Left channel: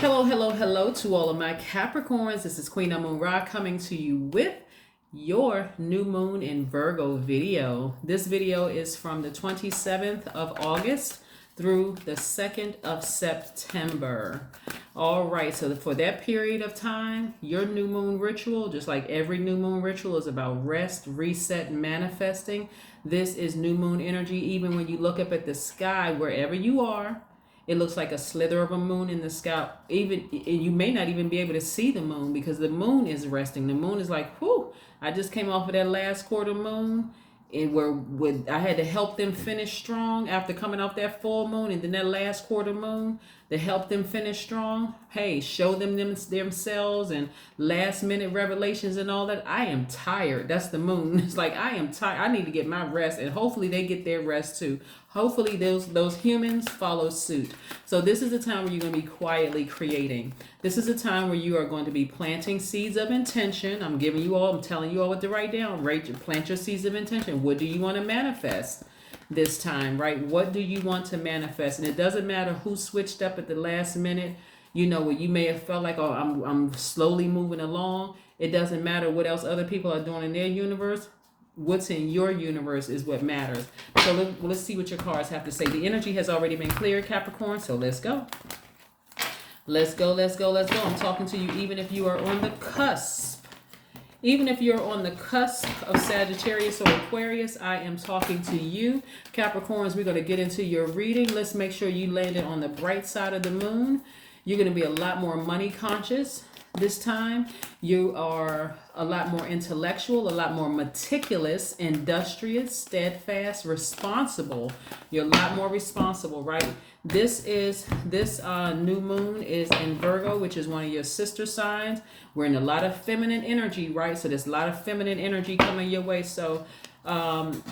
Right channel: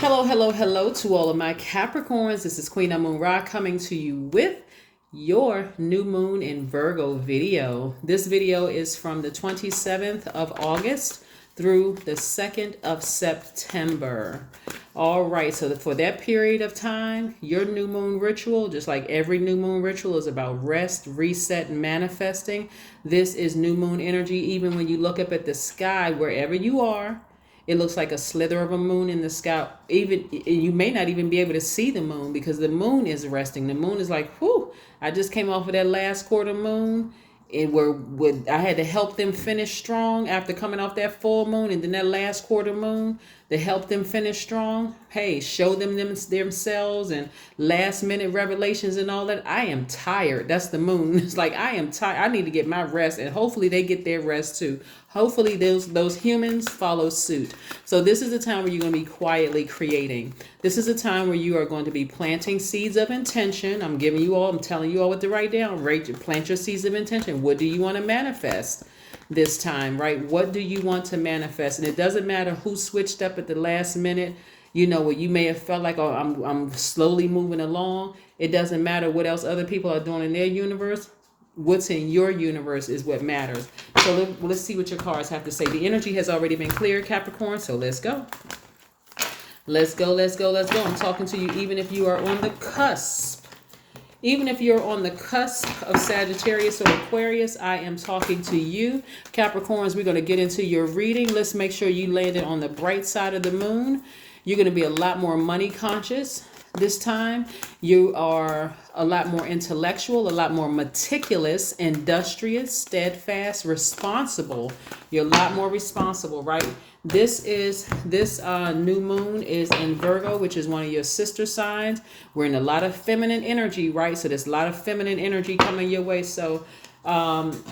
Hello, hello, hello to all of my Capricorns. This is Queen Moon Ra coming to you with your new moon in Virgo video. This video is from the 27th of August through the 2nd of September. All right, so for that period of time, your new moon ritual, just like every new moon ritual, is about rest, reset, and manifesting. This is new moon energy. Even when you look up at the sky, wherever you are, it looks like a slither of a moon in the sky. Even you may not even be able to see the moon because the moon is resting. The moon is like, whew, I just came off of that last quarter moon, and I had to help them finish strong after coming off that full moon, and then that last quarter moon to help them finish strong. Hey, show them themselves and last minute revelations and all that. I am tired. That's the moon. It's like I am tired. I need to get my rest, and hopefully they get their rest too. Hopefully those humans follow suit. So this is the time where you're going to be quietly creating. This is a time where you are going to be planting seeds of intention. I'm telling you all what to write down. Plant your seeds of intention. What do you want to manifest this time, right? What do you want to manifest? And it doesn't matter who switched up at the last minute. You know, what you may have felt like, oh, I'm slowly moving along. It doesn't matter what else other people are doing in their universe. What's in your universe is what matters. So let's see what your cards have to say. The energy has already been cleared, Capricorn, so let's go. Let's go. I'm talking to you even if you are on the cusp. Even if you're on the cusp of Sagittarius or Aquarius, I am talking to you. Capricorns, we're going to get into your reading. Let's make sure you landed on the bright side of the moon. You're going to be a lot more money conscious this time. You are a lot more intellectual, a lot more meticulous, industrious, steadfast, responsible. You're a lot more responsible, right? This new moon is in Virgo, which is one of your sister signs. We're in a lot of feminine energy, right? So there's a lot of feminine energy coming your way. So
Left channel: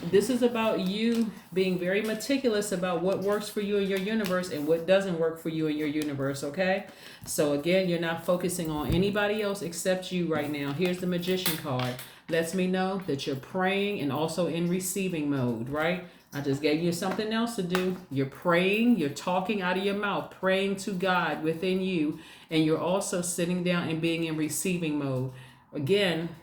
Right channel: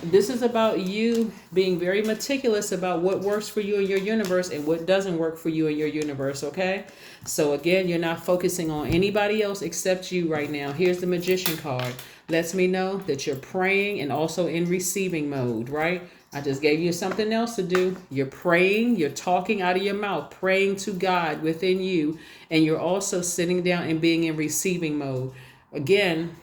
this is about you being very meticulous about what works for you in your universe and what doesn't work for you in your universe, okay? So again, you're not focusing on anybody else except you right now. Here's the Magician card. Lets me know that you're praying and also in receiving mode, right? I just gave you something else to do. You're praying, you're talking out of your mouth, praying to God within you, and you're also sitting down and being in receiving mode. Again,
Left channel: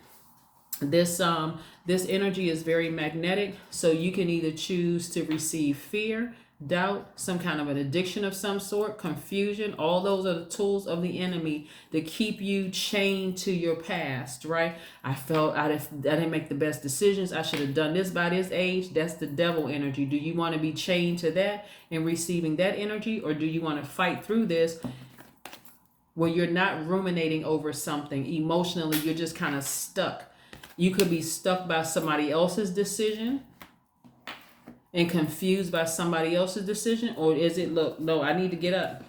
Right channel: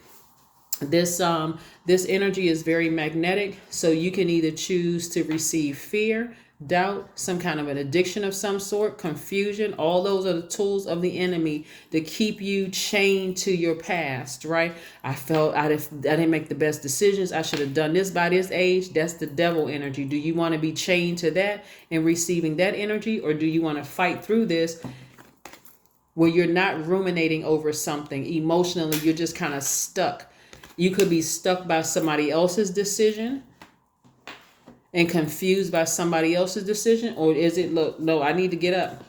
this energy is very magnetic, so you can either choose to receive fear, doubt, some kind of an addiction of some sort, confusion. All those are the tools of the enemy to keep you chained to your past, right? I felt I didn't make the best decisions. I should have done this by this age. That's the devil energy. Do you want to be chained to that and receiving that energy, or do you want to fight through this where you're not ruminating over something emotionally? You're just kind of stuck. You could be stuck by somebody else's decision and confused by somebody else's decision. Or is it, look, no, I need to get up.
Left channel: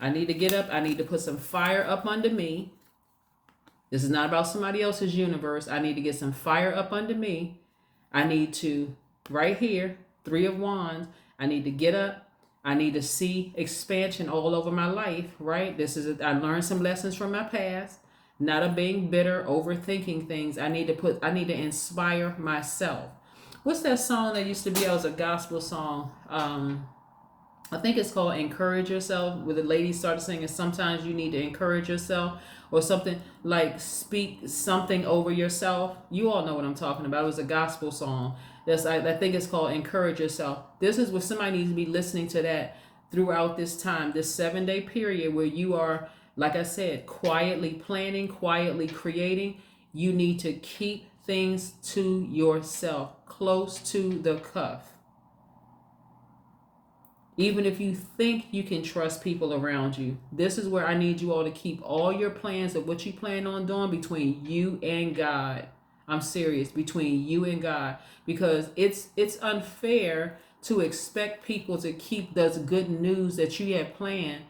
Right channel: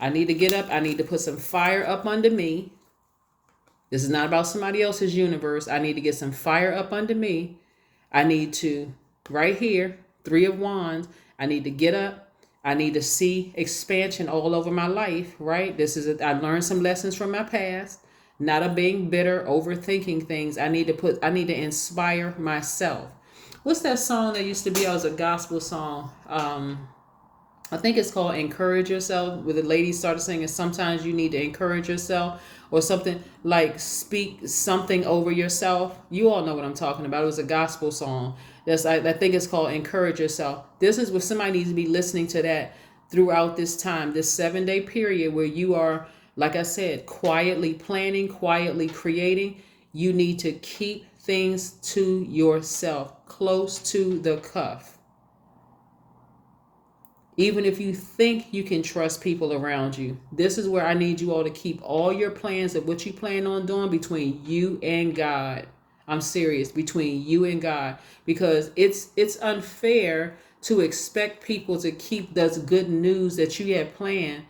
I need to put some fire up under me. This is not about somebody else's universe. I need to get some fire up under me. I need to, right here, 3 of Wands, I need to get up. I need to see expansion all over my life, right? I learned some lessons from my past. Not of being bitter, overthinking things. I need to inspire myself. What's that song that used to be? It was a gospel song. I think it's called Encourage Yourself, where the ladies started singing, sometimes you need to encourage yourself, or something like speak something over yourself. You all know what I'm talking about. It was a gospel song. I think it's called Encourage Yourself. This is what somebody needs to be listening to that throughout this time, this 7-day period where you are, like I said, quietly planning, quietly creating. You need to keep things to yourself, close to the cuff. Even if you think you can trust people around you, this is where I need you all to keep all your plans of what you plan on doing between you and God. I'm serious, between you and God, because it's unfair to expect people to keep those good news that you have planned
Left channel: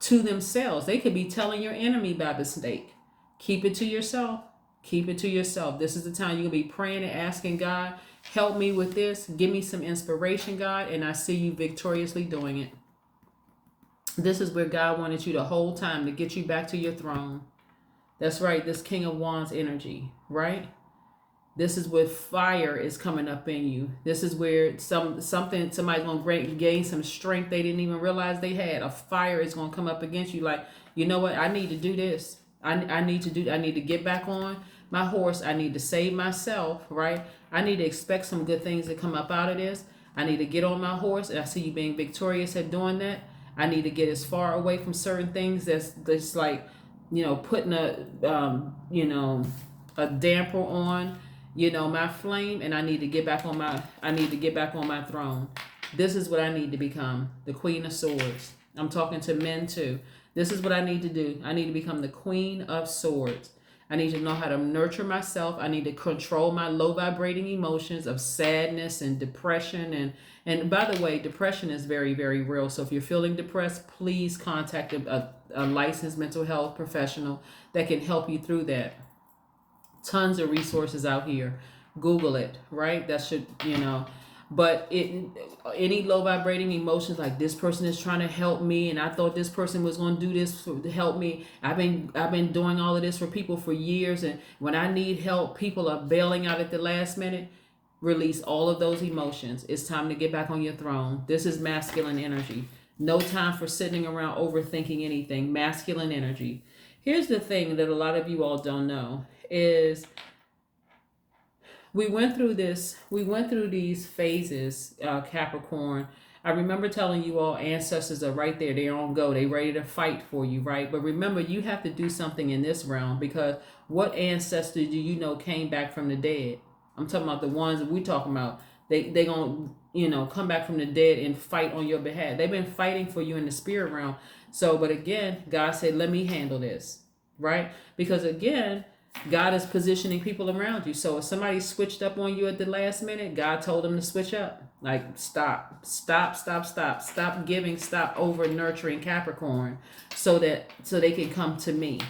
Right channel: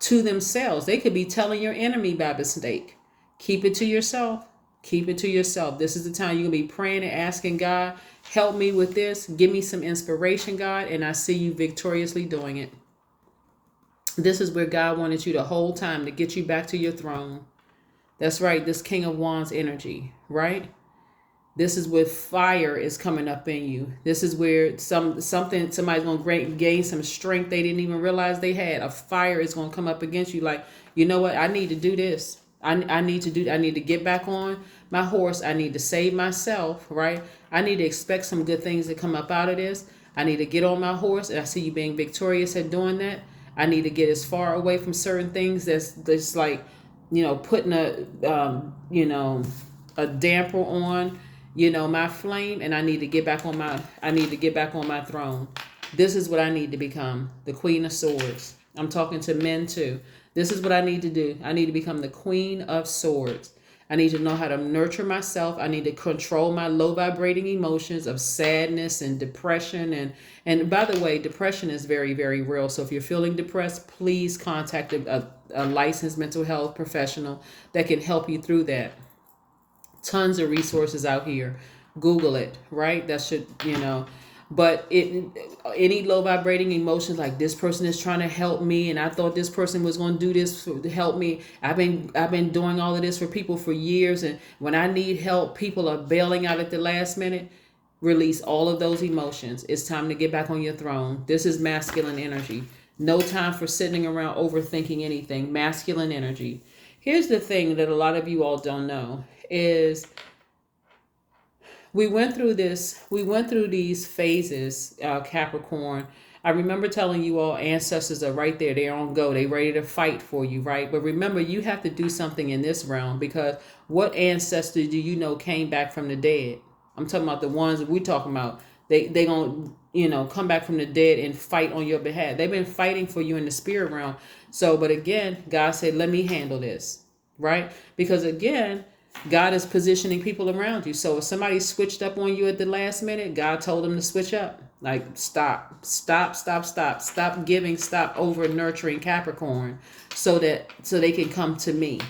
to themselves. They could be telling your enemy by mistake. Keep it to yourself. Keep it to yourself. This is the time you're going to be praying and asking God, help me with this. Give me some inspiration, God. And I see you victoriously doing it. This is where God wanted you the whole time, to get you back to your throne. That's right. This King of Wands energy, right? This is where fire is coming up in you. This is where somebody's going to gain some strength they didn't even realize they had. A fire is going to come up against you. Like, You know what? I need to do this. I need to do. I need to get back on my horse. I need to save myself, right? I need to expect some good things to come up out of this. I need to get on my horse, and I see you being victorious at doing that. I need to get as far away from certain things that's like, putting a damper on, my flame, and I need to get back on my throne. This is what I need to become, the Queen of Swords. I'm talking to men too. This is what I need to do. I need to become the Queen of Swords. I need to know how to nurture myself. I need to control my low vibrating emotions of sadness and depression. And by the way, depression is very, very real. So if you're feeling depressed, please contact a licensed mental health professional that can help you through that. Tons of resources out here. Google it, right? That should, but any low vibrating emotions, like this person is trying to help me and I thought this person was going to do this to help me. I've been doing all of this for people for years, and when I need help, people are bailing out at the last minute. Release all of those emotions. It's time to get back on your throne. This is masculine energy. No time for sitting around overthinking anything. Masculine energy. Here's the thing that a lot of you all don't know is we went through these phases, Capricorn. I remember telling you all ancestors are right there. They're on go. They're ready to fight for you, right? But remember, you have to do something in this realm, because what ancestor do you know came back from the dead? I'm talking about the ones that we're talking about. They gonna, come back from the dead and fight on your behalf. They've been fighting for you in the spirit realm. So, but again, God said, let me handle this, right? Because again, God is positioning people around you. So if somebody switched up on you at the last minute, God told them to switch up. Like, stop giving, stop over nurturing Capricorn, so they can come to me,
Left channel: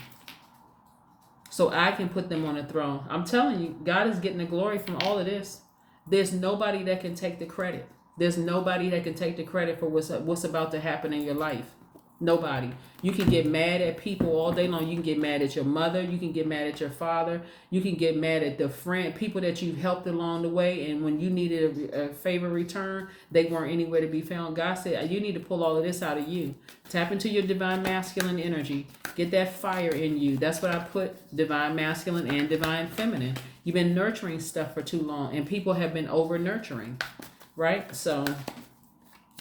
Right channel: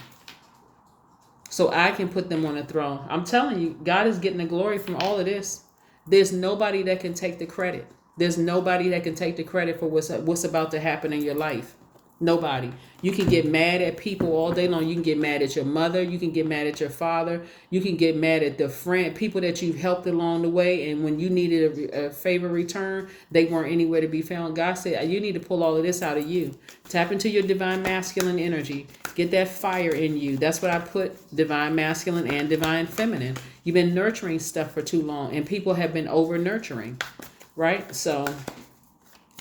so I can put them on a throne. I'm telling you, God is getting the glory from all of this. There's nobody that can take the credit. There's nobody that can take the credit for what's about to happen in your life. Nobody. You can get mad at people all day long. You can get mad at your mother. You can get mad at your father. You can get mad at the people that you've helped along the way. And when you needed a favor return, they weren't anywhere to be found. God said, you need to pull all of this out of you. Tap into your divine masculine energy. Get that fire in you. That's what I put, divine masculine and divine feminine. You've been nurturing stuff for too long, and people have been over nurturing, right? So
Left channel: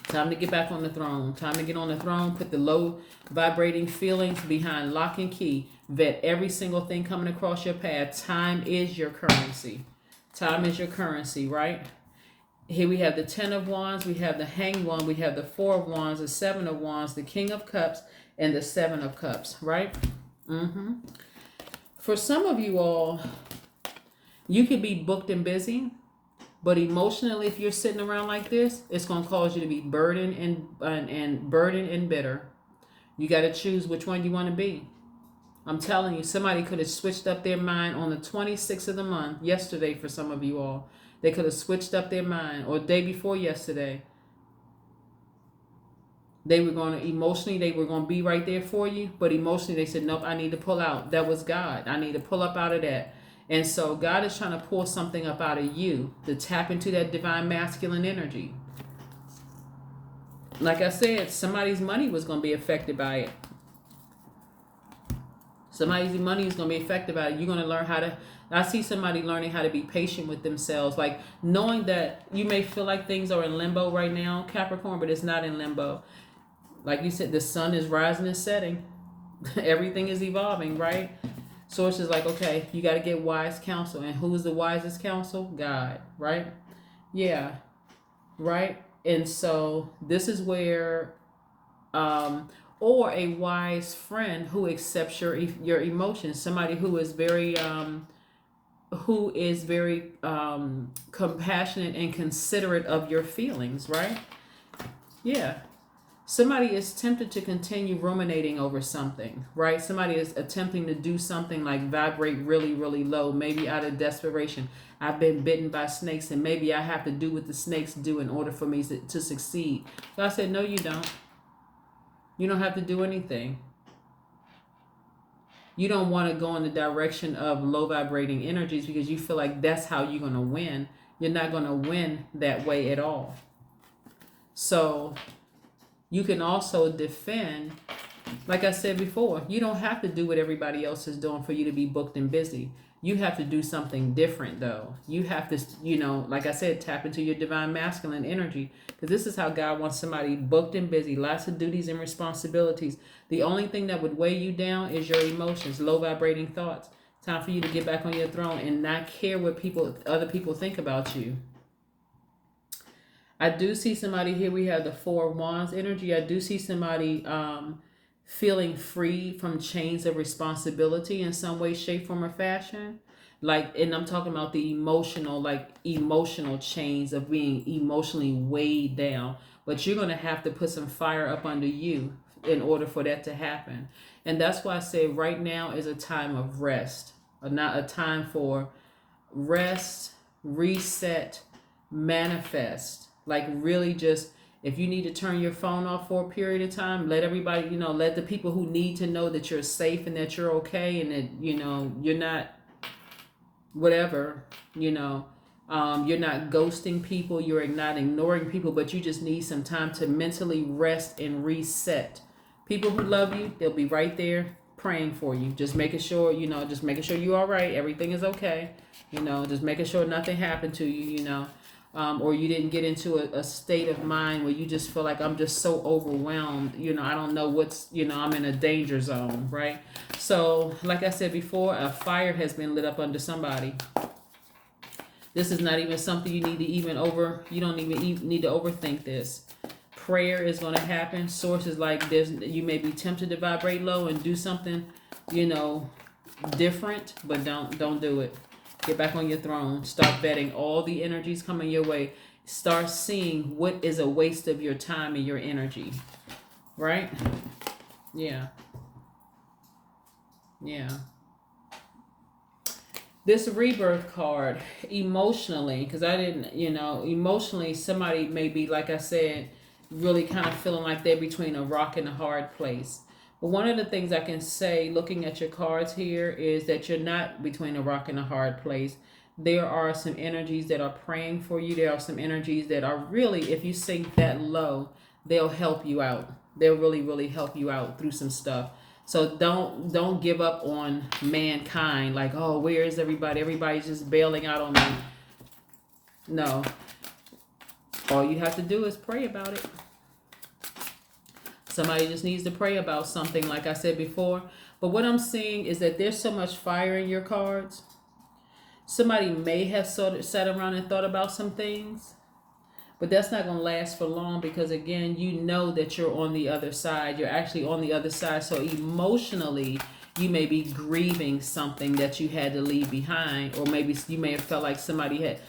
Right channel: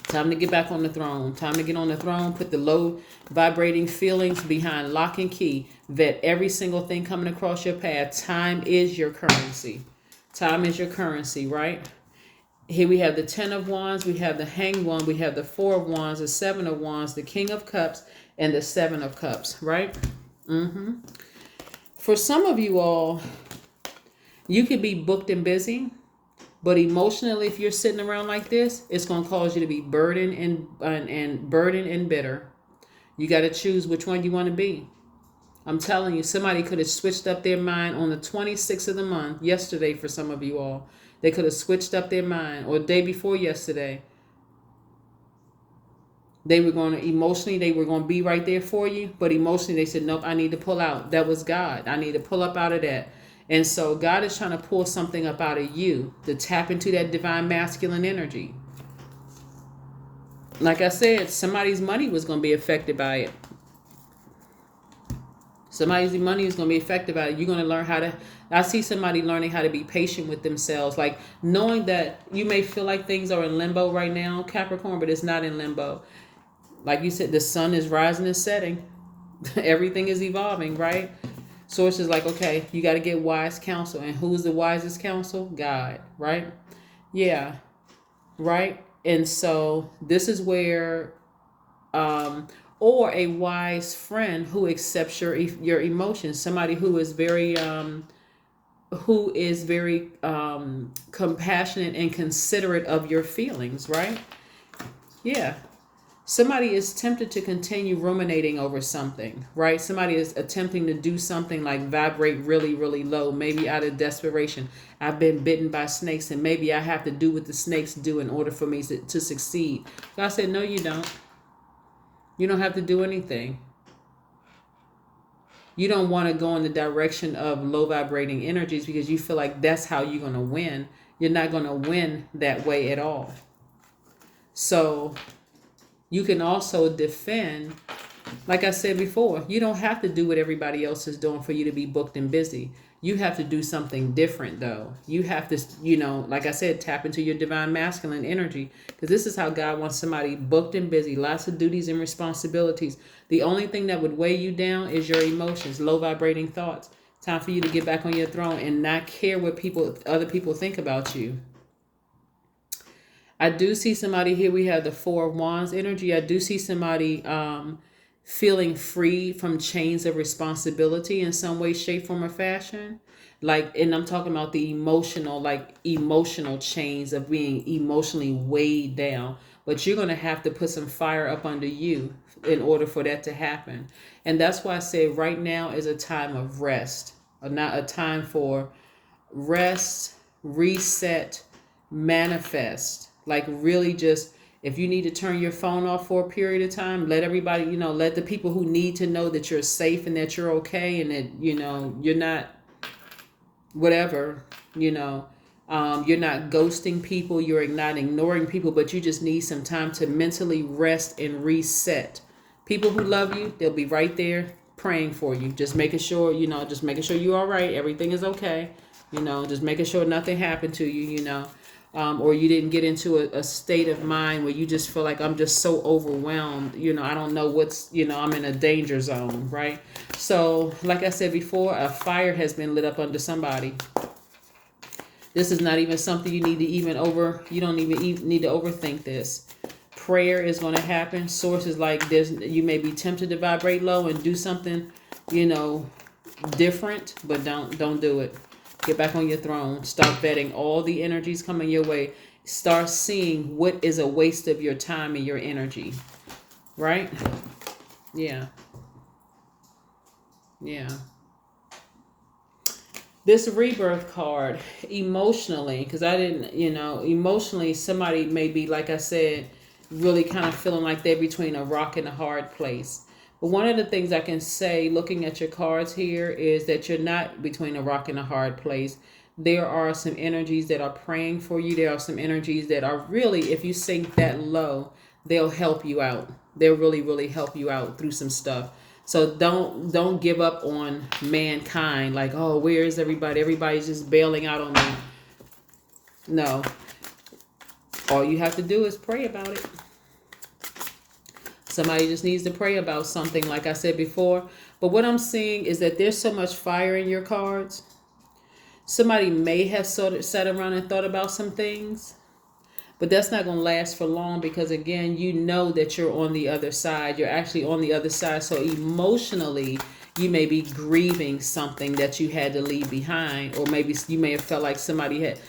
time to get back on the throne. Time to get on the throne. Put the low vibrating feelings behind lock and key. Vet every single thing coming across your path. Time is your currency. Time is your currency, right? Here we have the 10 of Wands. We have the Hanged One. We have the 4 of Wands, the 7 of Wands, the King of Cups, and the 7 of Cups, right? For some of you all, you could be booked and busy. But emotionally, if you're sitting around like this, it's going to cause you to be burdened and bitter. You got to choose which one you want to be. I'm telling you, somebody could have switched up their mind on the 26th of the month, yesterday for some of you all. They could have switched up their mind, or the day before yesterday. They were going to be right there for you, but emotionally they said, nope, I need to pull out. That was God. I need to pull up out of that. And so God is trying to pull something up out of you to tap into that divine masculine energy. Like I said, somebody's money was going to be affected by it. Somebody's money is going to be affected by it. You're going to learn I see somebody learning how to be patient with themselves. Like knowing that you may feel like things are in limbo right now, Capricorn, but it's not in limbo. Like you said, the sun is rising and setting. Everything is evolving, right? Source is like, okay, you got to get wise counsel. And who is the wisest counsel? God, right? Yeah, right? And so this is where, or a wise friend who accepts your emotions. Somebody who is very compassionate and considerate of your feelings, right? Yeah. Somebody is tempted to continue ruminating over something, right? Somebody is attempting to do something like vibrate really, really low, maybe out of desperation. I've been bitten by snakes, and maybe I have to do what the snakes do in order for me to succeed. God said, no, you don't. You don't have to do anything. You don't want to go in the direction of low vibrating energies because you feel like that's how you're going to win. You're not going to win that way at all. So you can also defend Like I said before, you don't have to do what everybody else is doing for you to be booked and busy. You have to do something different, though. You have to, like I said, tap into your divine masculine energy, because this is how God wants somebody booked and busy, lots of duties and responsibilities. The only thing that would weigh you down is your emotions, low vibrating thoughts. Time for you to get back on your throne and not care what other people think about you. I do see somebody here. We have the Four of Wands energy. I do see somebody feeling free from chains of responsibility in some way, shape, form, or fashion. And I'm talking about the emotional chains of being emotionally weighed down. But you're going to have to put some fire up under you in order for that to happen. And that's why I say right now is a time of rest, not a time for rest, reset, manifest. Like really just, if you need to turn your phone off for a period of time, let everybody, let the people who need to know that you're safe and that you're okay and that, you're not whatever, you're not ghosting people, you're not ignoring people, but you just need some time to mentally rest and reset. People who love you, they'll be right there praying for you, just making sure, you're all right, everything is okay, just making sure nothing happened to you, or you didn't get into a state of mind where you just feel like I'm just so overwhelmed, I don't know I'm in a danger zone, right? So like I said before, a fire has been lit up under somebody. This is not even something you need to you don't even need to overthink this. Prayer is going to happen. Sources like this, you may be tempted to vibrate low and do something, different, but don't do it. Get back on your throne. Start vetting all the energies coming your way. Start seeing what is a waste of your time and your energy. Right? Yeah. Yeah. This rebirth card, emotionally, because I didn't, emotionally, somebody may be, like I said, really kind of feeling like they're between a rock and a hard place. But one of the things I can say, looking at your cards here, is that you're not between a rock and a hard place. There are some energies that are praying for you. There are some energies that are really, if you sink that low, they'll help you out. They'll really, really help you out through some stuff. So don't give up on mankind. Like, oh, where is everybody? Everybody's just bailing out on me. No. All you have to do is pray about it. Somebody just needs to pray about something, like I said before. But what I'm seeing is that there's so much fire in your cards. Somebody may have sort of sat around and thought about some things, but that's not going to last for long, because again, you know that you're on the other side. You're actually on the other side. So emotionally, you may be grieving something that you had to leave behind, or maybe you may have felt like somebody had,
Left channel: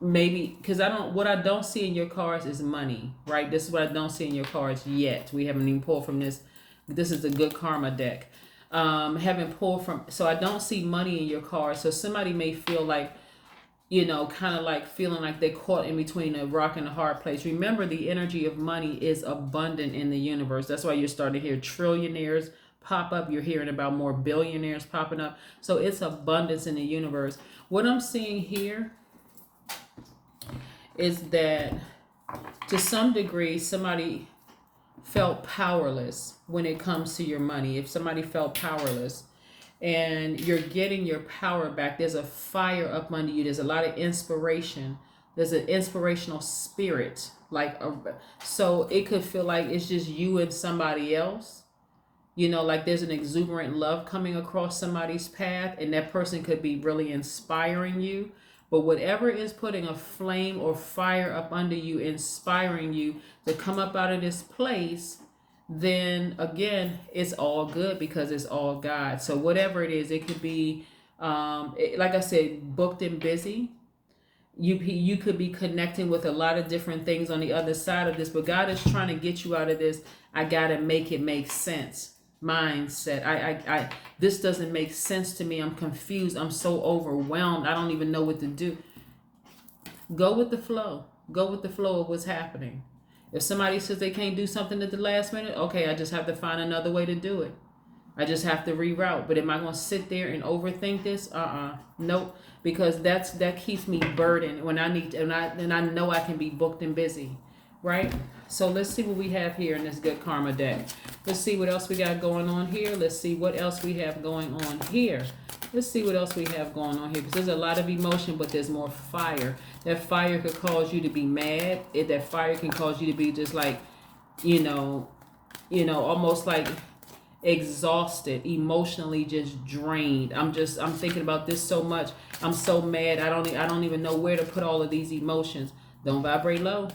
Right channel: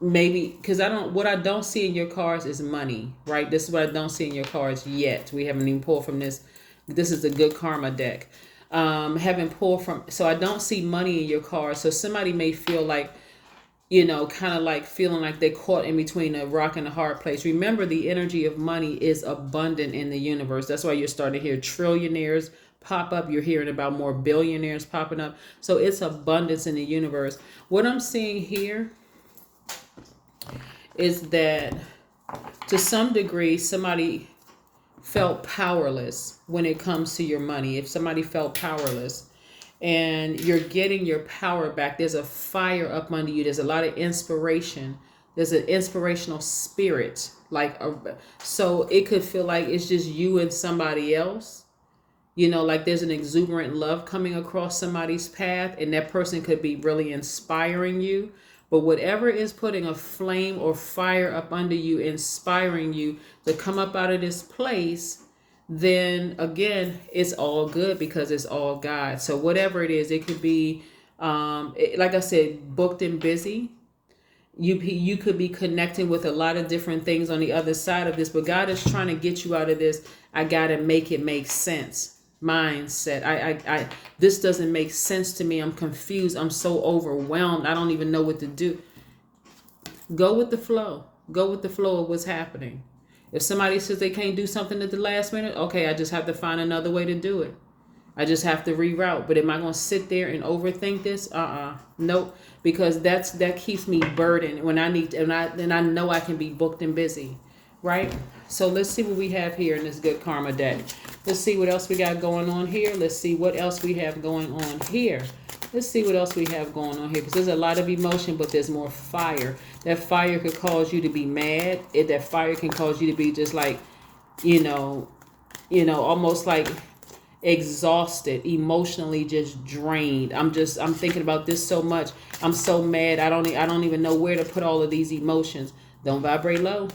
maybe, because what I don't see in your cards is money, right? This is what I don't see in your cards yet. We haven't even pulled from this. This is a good karma deck. Haven't pulled from, so I don't see money in your cards. So somebody may feel like, kind of like feeling like they're caught in between a rock and a hard place. Remember, the energy of money is abundant in the universe. That's why you're starting to hear trillionaires pop up. You're hearing about more billionaires popping up. So it's abundance in the universe. What I'm seeing here is that to some degree, somebody felt powerless when it comes to your money. If somebody felt powerless, and you're getting your power back, there's a fire up under you. There's a lot of inspiration. There's an inspirational spirit. So it could feel like it's just you and somebody else. Like there's an exuberant love coming across somebody's path, and that person could be really inspiring you. But whatever is putting a flame or fire up under you, inspiring you to come up out of this place, then again, it's all good, because it's all God. So whatever it is, it could be, like I said, booked and busy. You could be connecting with a lot of different things on the other side of this, but God is trying to get you out of this. I got to make it make sense mindset. I this doesn't make sense to me. I'm confused. I'm so overwhelmed. I don't even know what to do. Go with the flow. Go with the flow of what's happening. If somebody says they can't do something at the last minute, okay, I just have to find another way to do it. I just have to reroute. But am I going to sit there and overthink this? Nope. Because that keeps me burdened when I need to, and I know I can be booked and busy, right? So let's see what we have here in this good karma deck. Let's see what else we got going on here. Let's see what else we have going on here. Let's see what else we have going on here, because there's a lot of emotion, but there's more fire. That fire could cause you to be mad. That fire can cause you to be just like, almost like exhausted, emotionally just drained. I'm thinking about this so much. I'm so mad. I don't even know where to put all of these emotions. Don't vibrate low.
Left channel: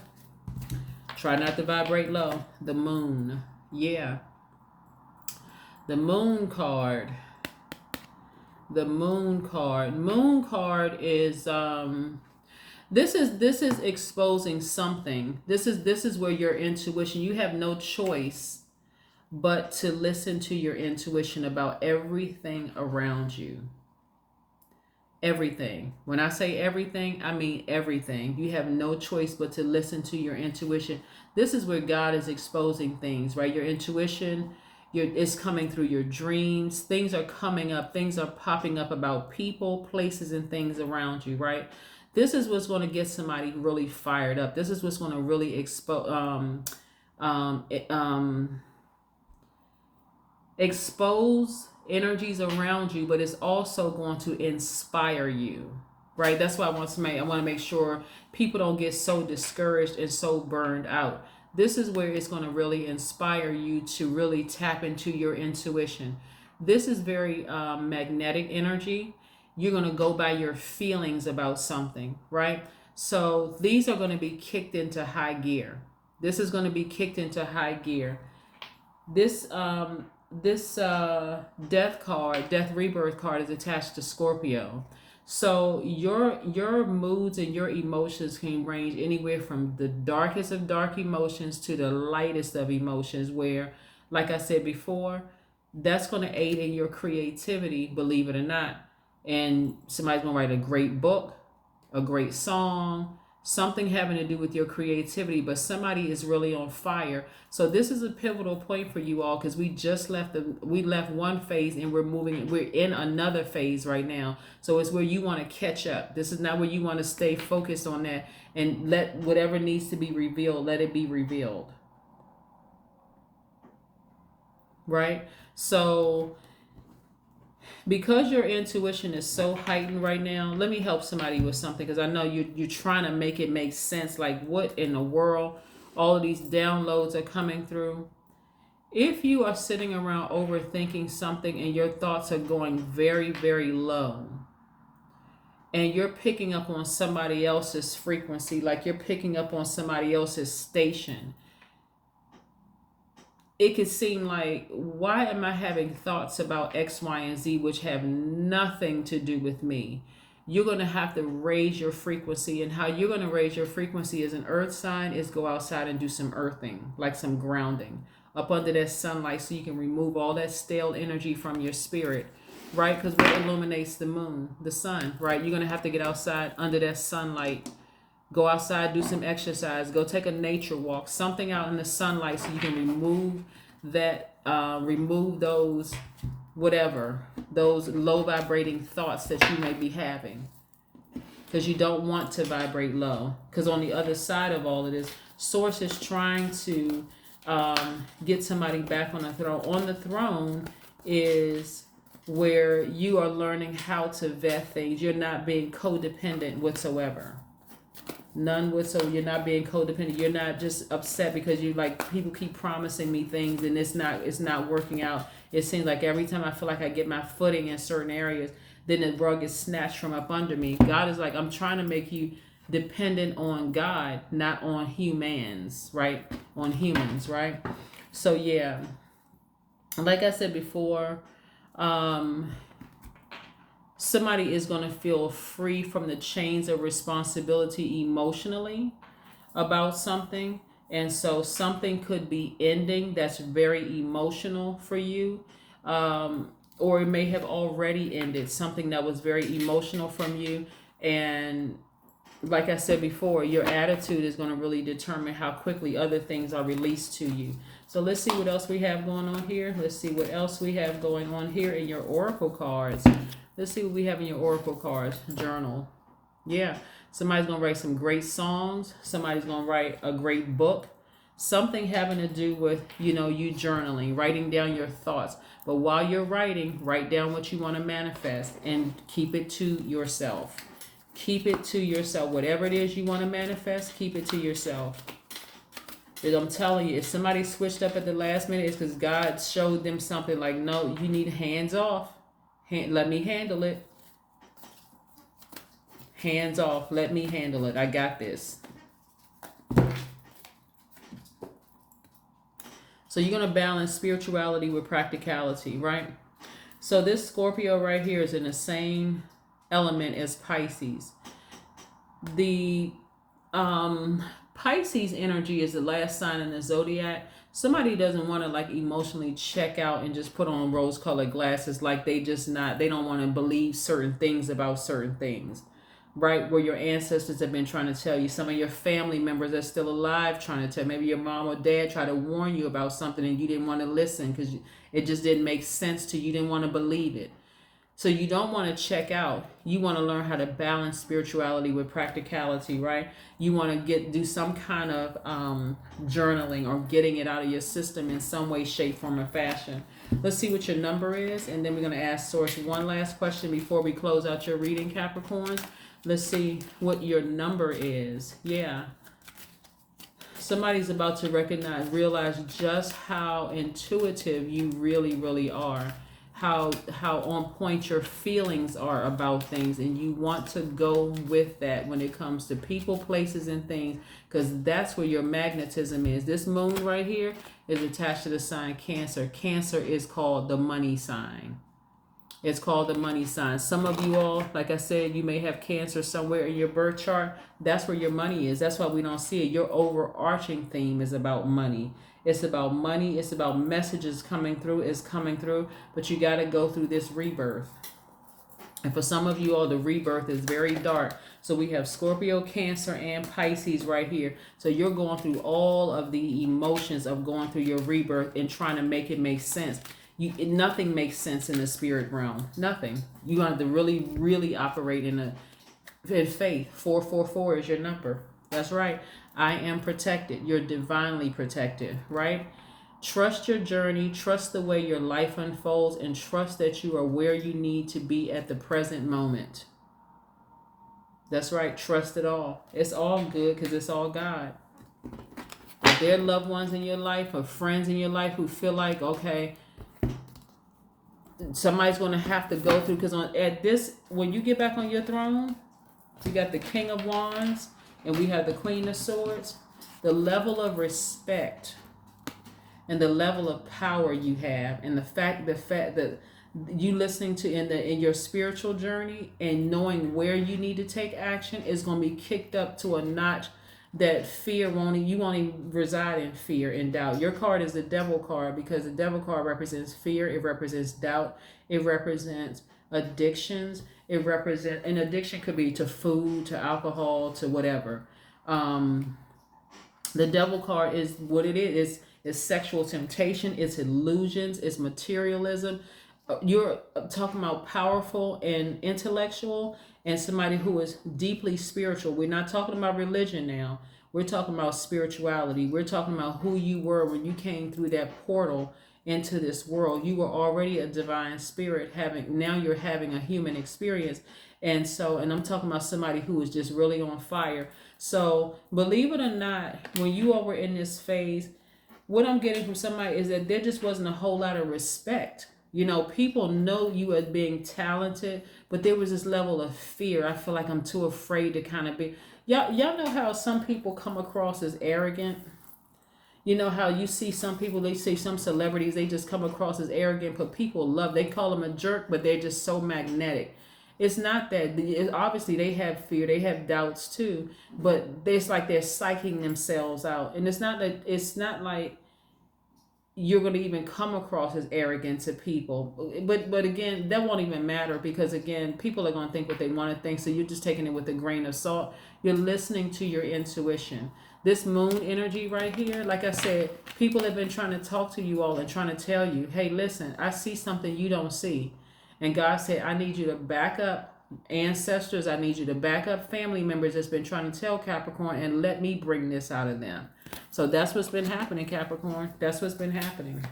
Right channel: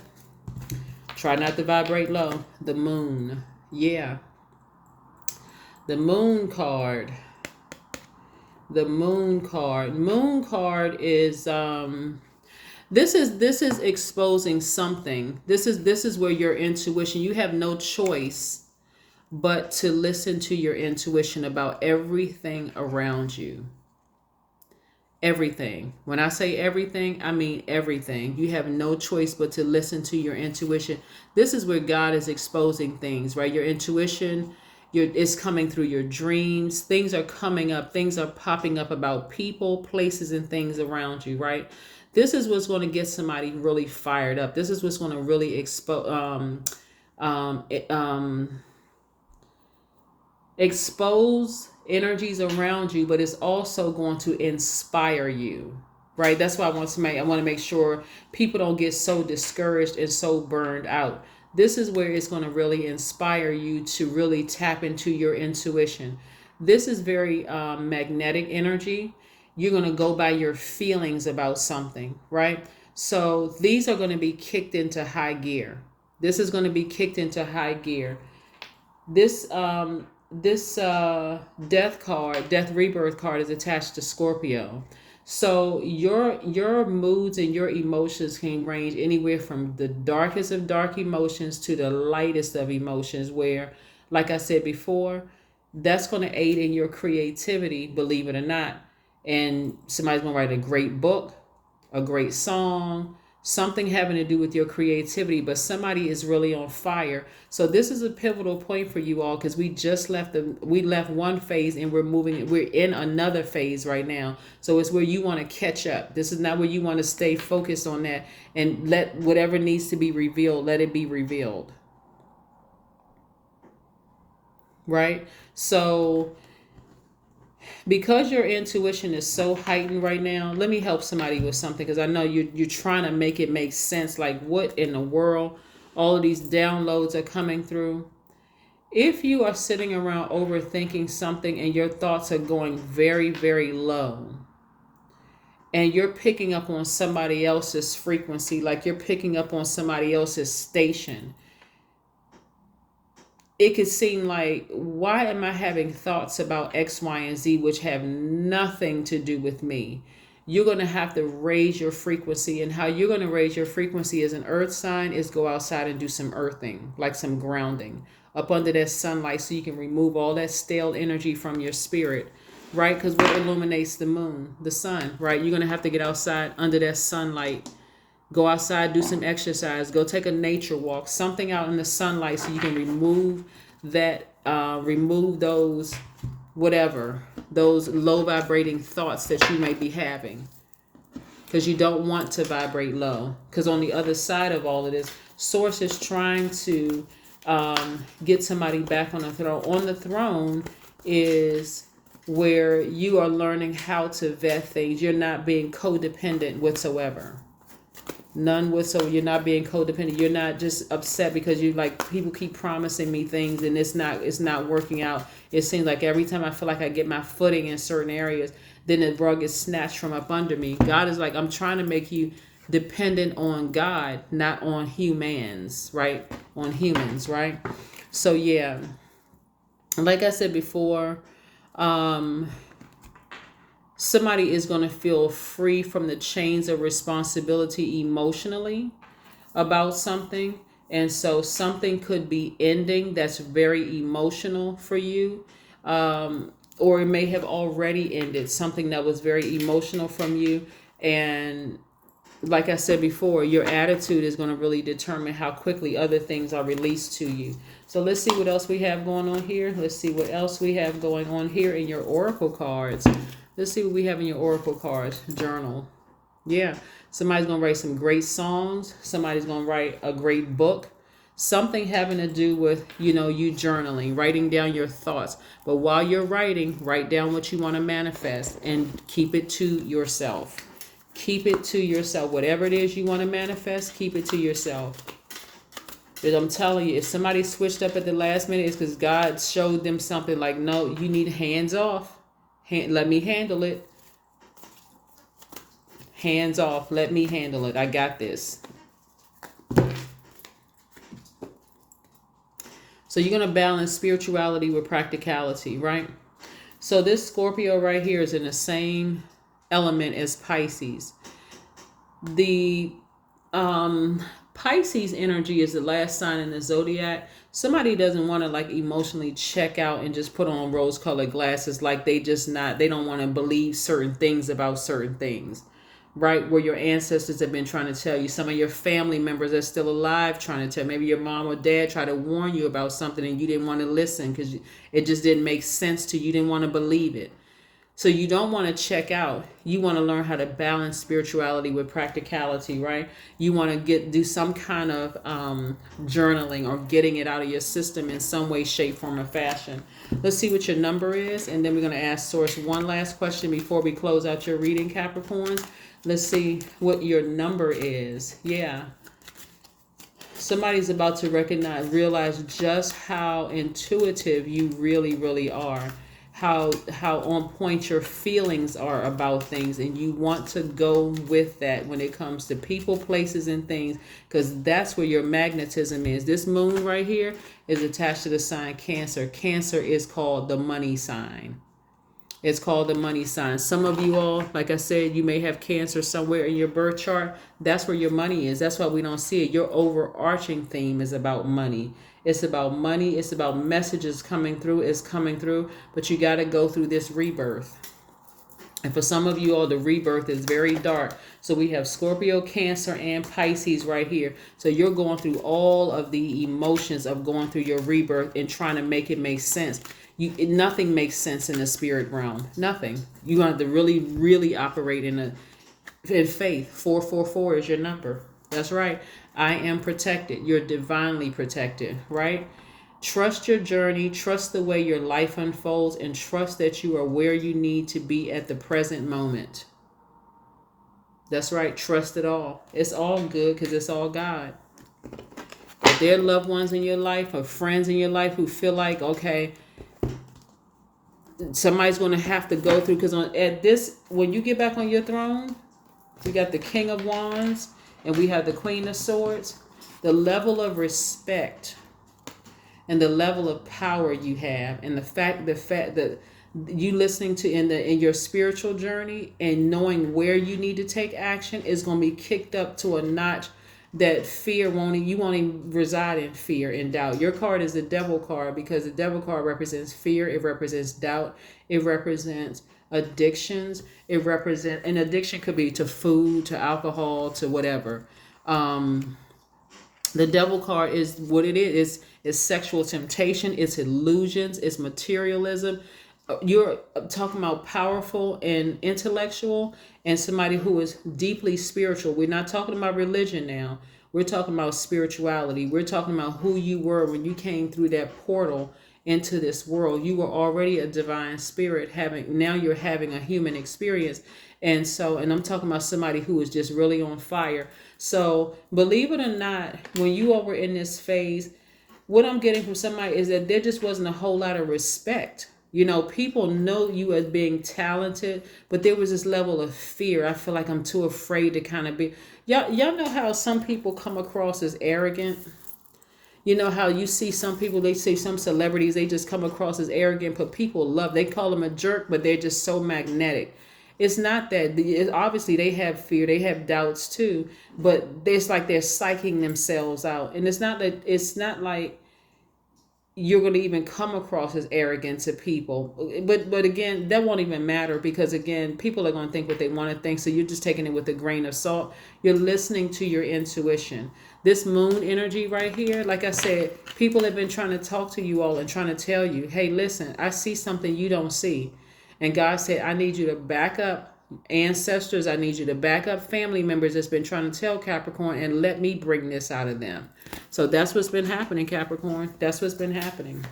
Try not to vibrate low. The moon. Yeah. The moon card. The moon card. Moon card is this is exposing something. This is where your intuition, you have no choice but to listen to your intuition about everything around you. Everything. When I say everything, I mean everything. You have no choice but to listen to your intuition. This is where God is exposing things, right? Your intuition, it's coming through your dreams. Things are coming up. Things are popping up about people, places, and things around you, right? This is what's going to get somebody really fired up. This is what's going to really expose energies around you, but it's also going to inspire you, right? That's why I want to make sure people don't get so discouraged and so burned out. This is where it's going to really inspire you to really tap into your intuition. This is very magnetic energy. You're going to go by your feelings about something, right? So these are going to be kicked into high gear. This is going to be kicked into high gear. This death rebirth card is attached to Scorpio. So your moods and your emotions can range anywhere from the darkest of dark emotions to the lightest of emotions, where, like I said before, that's going to aid in your creativity, believe it or not. And somebody's going to write a great book, a great song, something having to do with your creativity, but somebody is really on fire. So this is a pivotal point for you all, because we left one phase and we're in another phase right now. So it's where you want to catch up. This is not where you want to stay focused on that and let whatever needs to be revealed, let it be revealed. Right? So because your intuition is so heightened right now, let me help somebody with something, because I know you're trying to make it make sense. Like, what in the world? All of these downloads are coming through. If you are sitting around overthinking something and your thoughts are going very, very low, and you're picking up on somebody else's frequency, like you're picking up on somebody else's station, it could seem like, why am I having thoughts about X, Y, and Z, which have nothing to do with me? You're going to have to raise your frequency. And how you're going to raise your frequency as an earth sign is go outside and do some earthing, like some grounding up under that sunlight, so you can remove all that stale energy from your spirit, right? Because what illuminates the moon? The sun, right? You're going to have to get outside under that sunlight. Go outside, do some exercise, go take a nature walk, something out in the sunlight, so you can remove that, remove those low vibrating thoughts that you may be having, because you don't want to vibrate low. Because on the other side of all of this, Source is trying to get somebody back on the throne. On the throne is where you are learning how to vet things. You're not being codependent whatsoever. None whatsoever. You're not being codependent. You're not just upset because you like, people keep promising me things and it's not working out. It seems like every time I feel like I get my footing in certain areas, then the rug is snatched from up under me. God is like, I'm trying to make you dependent on God, not on humans, right? On humans, right? So yeah, like I said before, somebody is going to feel free from the chains of responsibility emotionally about something. And so something could be ending that's very emotional for you. Or it may have already ended, something that was very emotional from you. And like I said before, your attitude is going to really determine how quickly other things are released to you. So let's see what else we have going on here. Let's see what else we have going on here in your oracle cards. Let's see what we have in your oracle cards journal. Yeah. Somebody's going to write some great songs. Somebody's going to write a great book. Something having to do with, you journaling, writing down your thoughts. But while you're writing, write down what you want to manifest and keep it to yourself. Keep it to yourself. Whatever it is you want to manifest, keep it to yourself. But I'm telling you, if somebody switched up at the last minute, it's because God showed them something like, no, you need hands off. Let me handle it. Hands off. Let me handle it. I got this. So you're going to balance spirituality with practicality, right? So this Scorpio right here is in the same element as Pisces. The Pisces energy is the last sign in the zodiac. Somebody doesn't want to like emotionally check out and just put on rose-colored glasses, like they don't want to believe certain things about certain things, right? Where your ancestors have been trying to tell you, some of your family members are still alive trying to tell, maybe your mom or dad tried to warn you about something and you didn't want to listen because it just didn't make sense to you. You didn't want to believe it. So you don't want to check out. You want to learn how to balance spirituality with practicality, right? You want to do some kind of journaling or getting it out of your system in some way, shape, form, or fashion. Let's see what your number is, and then we're going to ask Source one last question before we close out your reading, Capricorns. Let's see what your number is. Yeah. Somebody's about to realize just how intuitive you really, really are. How on point your feelings are about things, and you want to go with that when it comes to people, places, and things, because that's where your magnetism is. This moon right here is attached to the sign Cancer. Cancer is called the money sign. It's called the money sign. Some of you all, like I said, you may have Cancer somewhere in your birth chart. That's where your money is. That's why we don't see it. Your overarching theme is about money. It's about money. It's about messages coming through. It's coming through. But you got to go through this rebirth. And for some of you all, the rebirth is very dark. So we have Scorpio, Cancer, and Pisces right here. So you're going through all of the emotions of going through your rebirth and trying to make it make sense. Nothing makes sense in the spirit realm. Nothing. You have to really, really operate in faith. 444 is your number. That's right. I am protected. You're divinely protected, right? Trust your journey. Trust the way your life unfolds, and trust that you are where you need to be at the present moment. That's right. Trust it all. It's all good because it's all God. If there are loved ones in your life or friends in your life who feel like, okay, somebody's going to have to go through, because when you get back on your throne, you got the King of Wands and we have the Queen of Swords. The level of respect and the level of power you have, and the fact that you listening to in your spiritual journey and knowing where you need to take action is going to be kicked up to a notch that you won't even reside in fear and doubt. Your card is the Devil card, because the Devil card represents fear. It represents doubt. It represents addictions. An addiction could be to food, to alcohol, to whatever. The Devil card is what it is. It's sexual temptation. It's illusions. It's materialism. You're talking about powerful and intellectual, and somebody who is deeply spiritual. We're not talking about religion now. We're talking about spirituality. We're talking about who you were when you came through that portal into this world. You were already a divine spirit, now you're having a human experience. And I'm talking about somebody who is just really on fire. So believe it or not, when you were in this phase, what I'm getting from somebody is that there just wasn't a whole lot of respect. People know you as being talented, but there was this level of fear. I feel like I'm too afraid to kind of be. Y'all know how some people come across as arrogant? You know how you see some people, they say some celebrities, they just come across as arrogant, but people they call them a jerk, but they're just so magnetic. It's not that. Obviously, they have fear, they have doubts too, but it's like they're psyching themselves out. And it's not like you're going to even come across as arrogant to people. But again, that won't even matter, because again, people are going to think what they want to think. So you're just taking it with a grain of salt. You're listening to your intuition. This moon energy right here, like I said, people have been trying to talk to you all and trying to tell you, hey, listen, I see something you don't see. And God said, I need you to back up, Ancestors, I need you to back up family members that's been trying to tell Capricorn and let me bring this out of them. So that's what's been happening, Capricorn. That's what's been happening.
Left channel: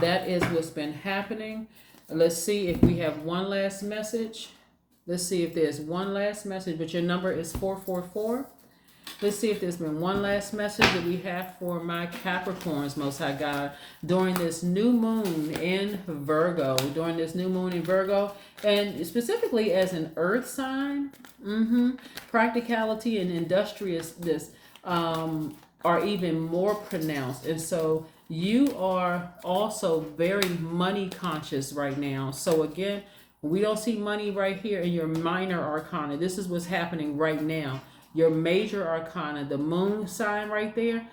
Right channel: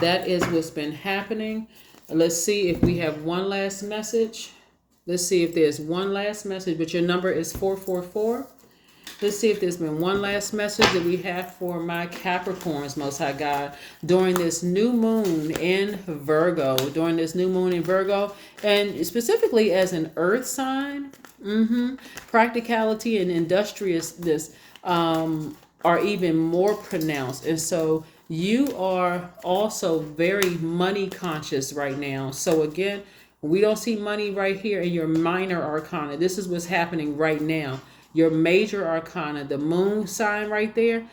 That is what's been happening. Let's see if we have one last message. Let's see if there's one last message, but your number is 444. Let's see if there's been one last message that we have for my Capricorns, Most High God, during this new moon in Virgo. During this new moon in Virgo, and specifically as an earth sign, practicality and industriousness are even more pronounced. And so you are also very money conscious right now. So again, we don't see money right here in your minor arcana. This is what's happening right now. Your major arcana, the moon sign right there,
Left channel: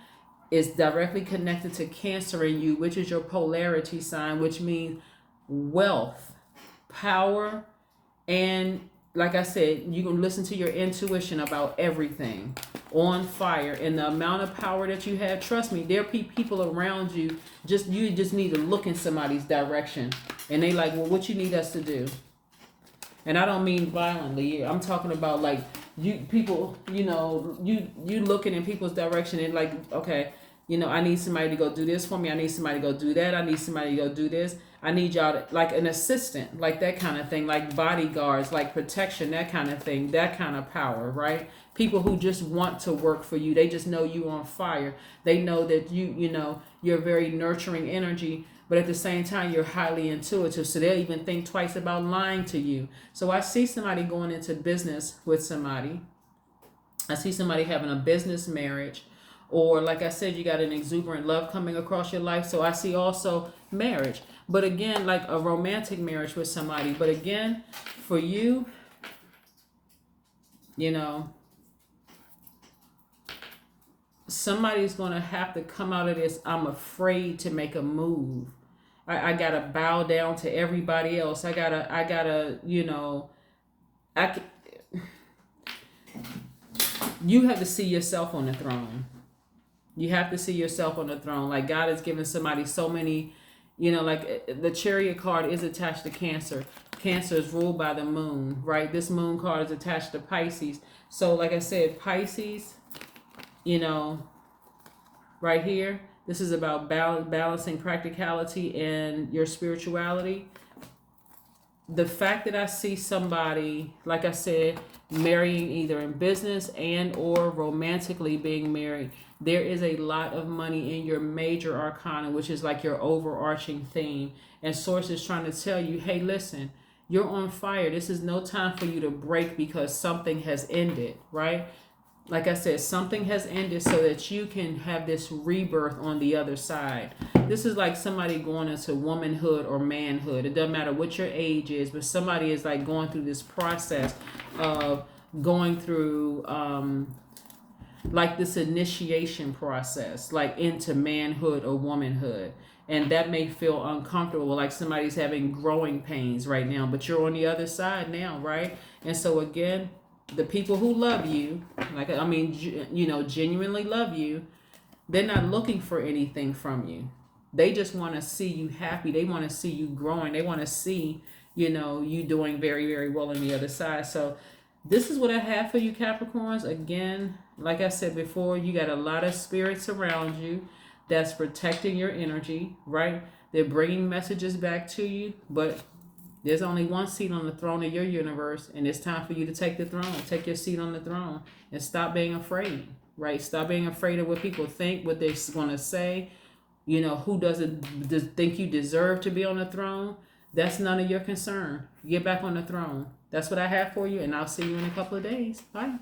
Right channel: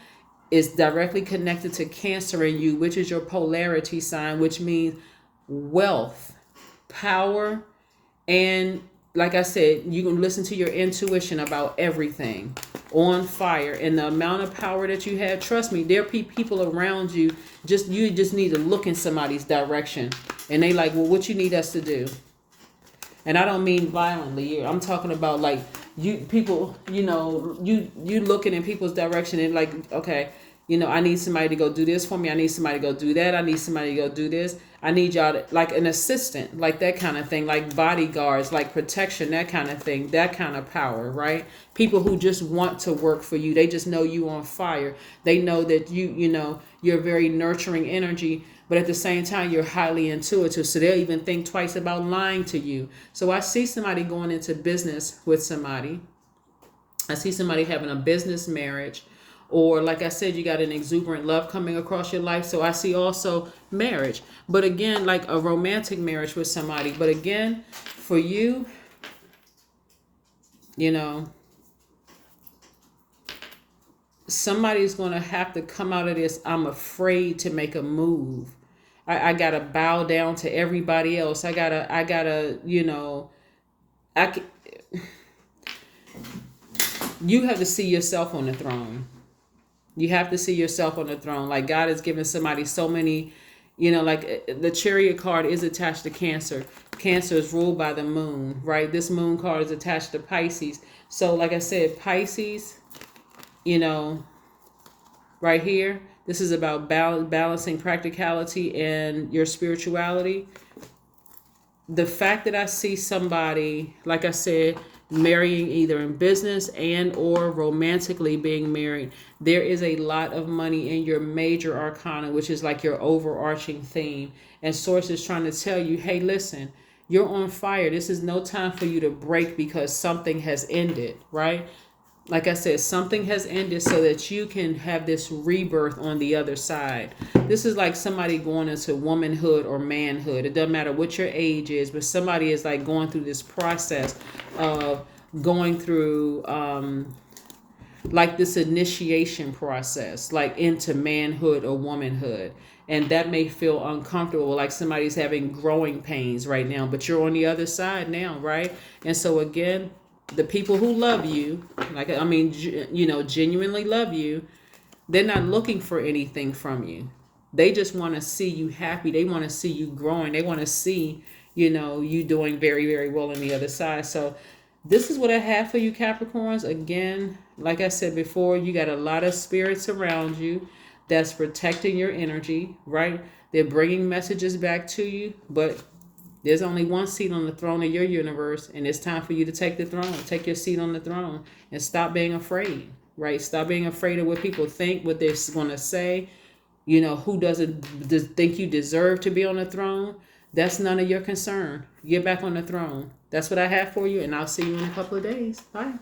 is directly connected to Cancer in you, which is your polarity sign, which means wealth, power, and like I said, you can listen to your intuition about everything. On fire. And the amount of power that you have, trust me, there are people around you, you just need to look in somebody's direction. And they like, well, what you need us to do? And I don't mean violently. I'm talking about like you looking in people's direction and like, okay, I need somebody to go do this for me. I need somebody to go do that. I need somebody to go do this. I need y'all to, like an assistant, like that kind of thing, like bodyguards, like protection, that kind of thing, that kind of power, right? People who just want to work for you. They just know you on fire. They know that you're very nurturing energy, but at the same time, you're highly intuitive. So they'll even think twice about lying to you. So I see somebody going into business with somebody. I see somebody having a business marriage. Or like I said, you got an exuberant love coming across your life. So I see also marriage. But again, like a romantic marriage with somebody. But again, for you, somebody's going to have to come out of this. I'm afraid to make a move. I got to bow down to everybody else. I gotta, you have to see yourself on the throne. You have to see yourself on the throne. Like God has given somebody so many, like the Chariot card is attached to Cancer. Cancer is ruled by the moon, right? This moon card is attached to Pisces. So like I said, Pisces, right here, this is about balancing practicality and your spirituality. The fact that I see somebody, like I said, marrying either in business and or romantically being married, there is a lot of money in your major arcana, which is like your overarching theme. And Source is trying to tell you, hey, listen, you're on fire. This is no time for you to break because something has ended, right? Like I said, something has ended so that you can have this rebirth on the other side. This is like somebody going into womanhood or manhood. It doesn't matter what your age is, but somebody is like going through this process of going through like this initiation process, like into manhood or womanhood. And that may feel uncomfortable, like somebody's having growing pains right now, but you're on the other side now, right? And so again, the people who love you, genuinely love you, they're not looking for anything from you. They just want to see you happy. They want to see you growing. They want to see, you doing very, very well on the other side. So this is what I have for you, Capricorns. Again, like I said before, you got a lot of spirits around you that's protecting your energy, right? They're bringing messages back to you, but there's only one seat on the throne of your universe, and it's time for you to take the throne. Take your seat on the throne and stop being afraid, right? Stop being afraid of what people think, what they're going to say. Who doesn't think you deserve to be on the throne? That's none of your concern. Get back on the throne. That's what I have for you, and I'll see you in a couple of days. Bye.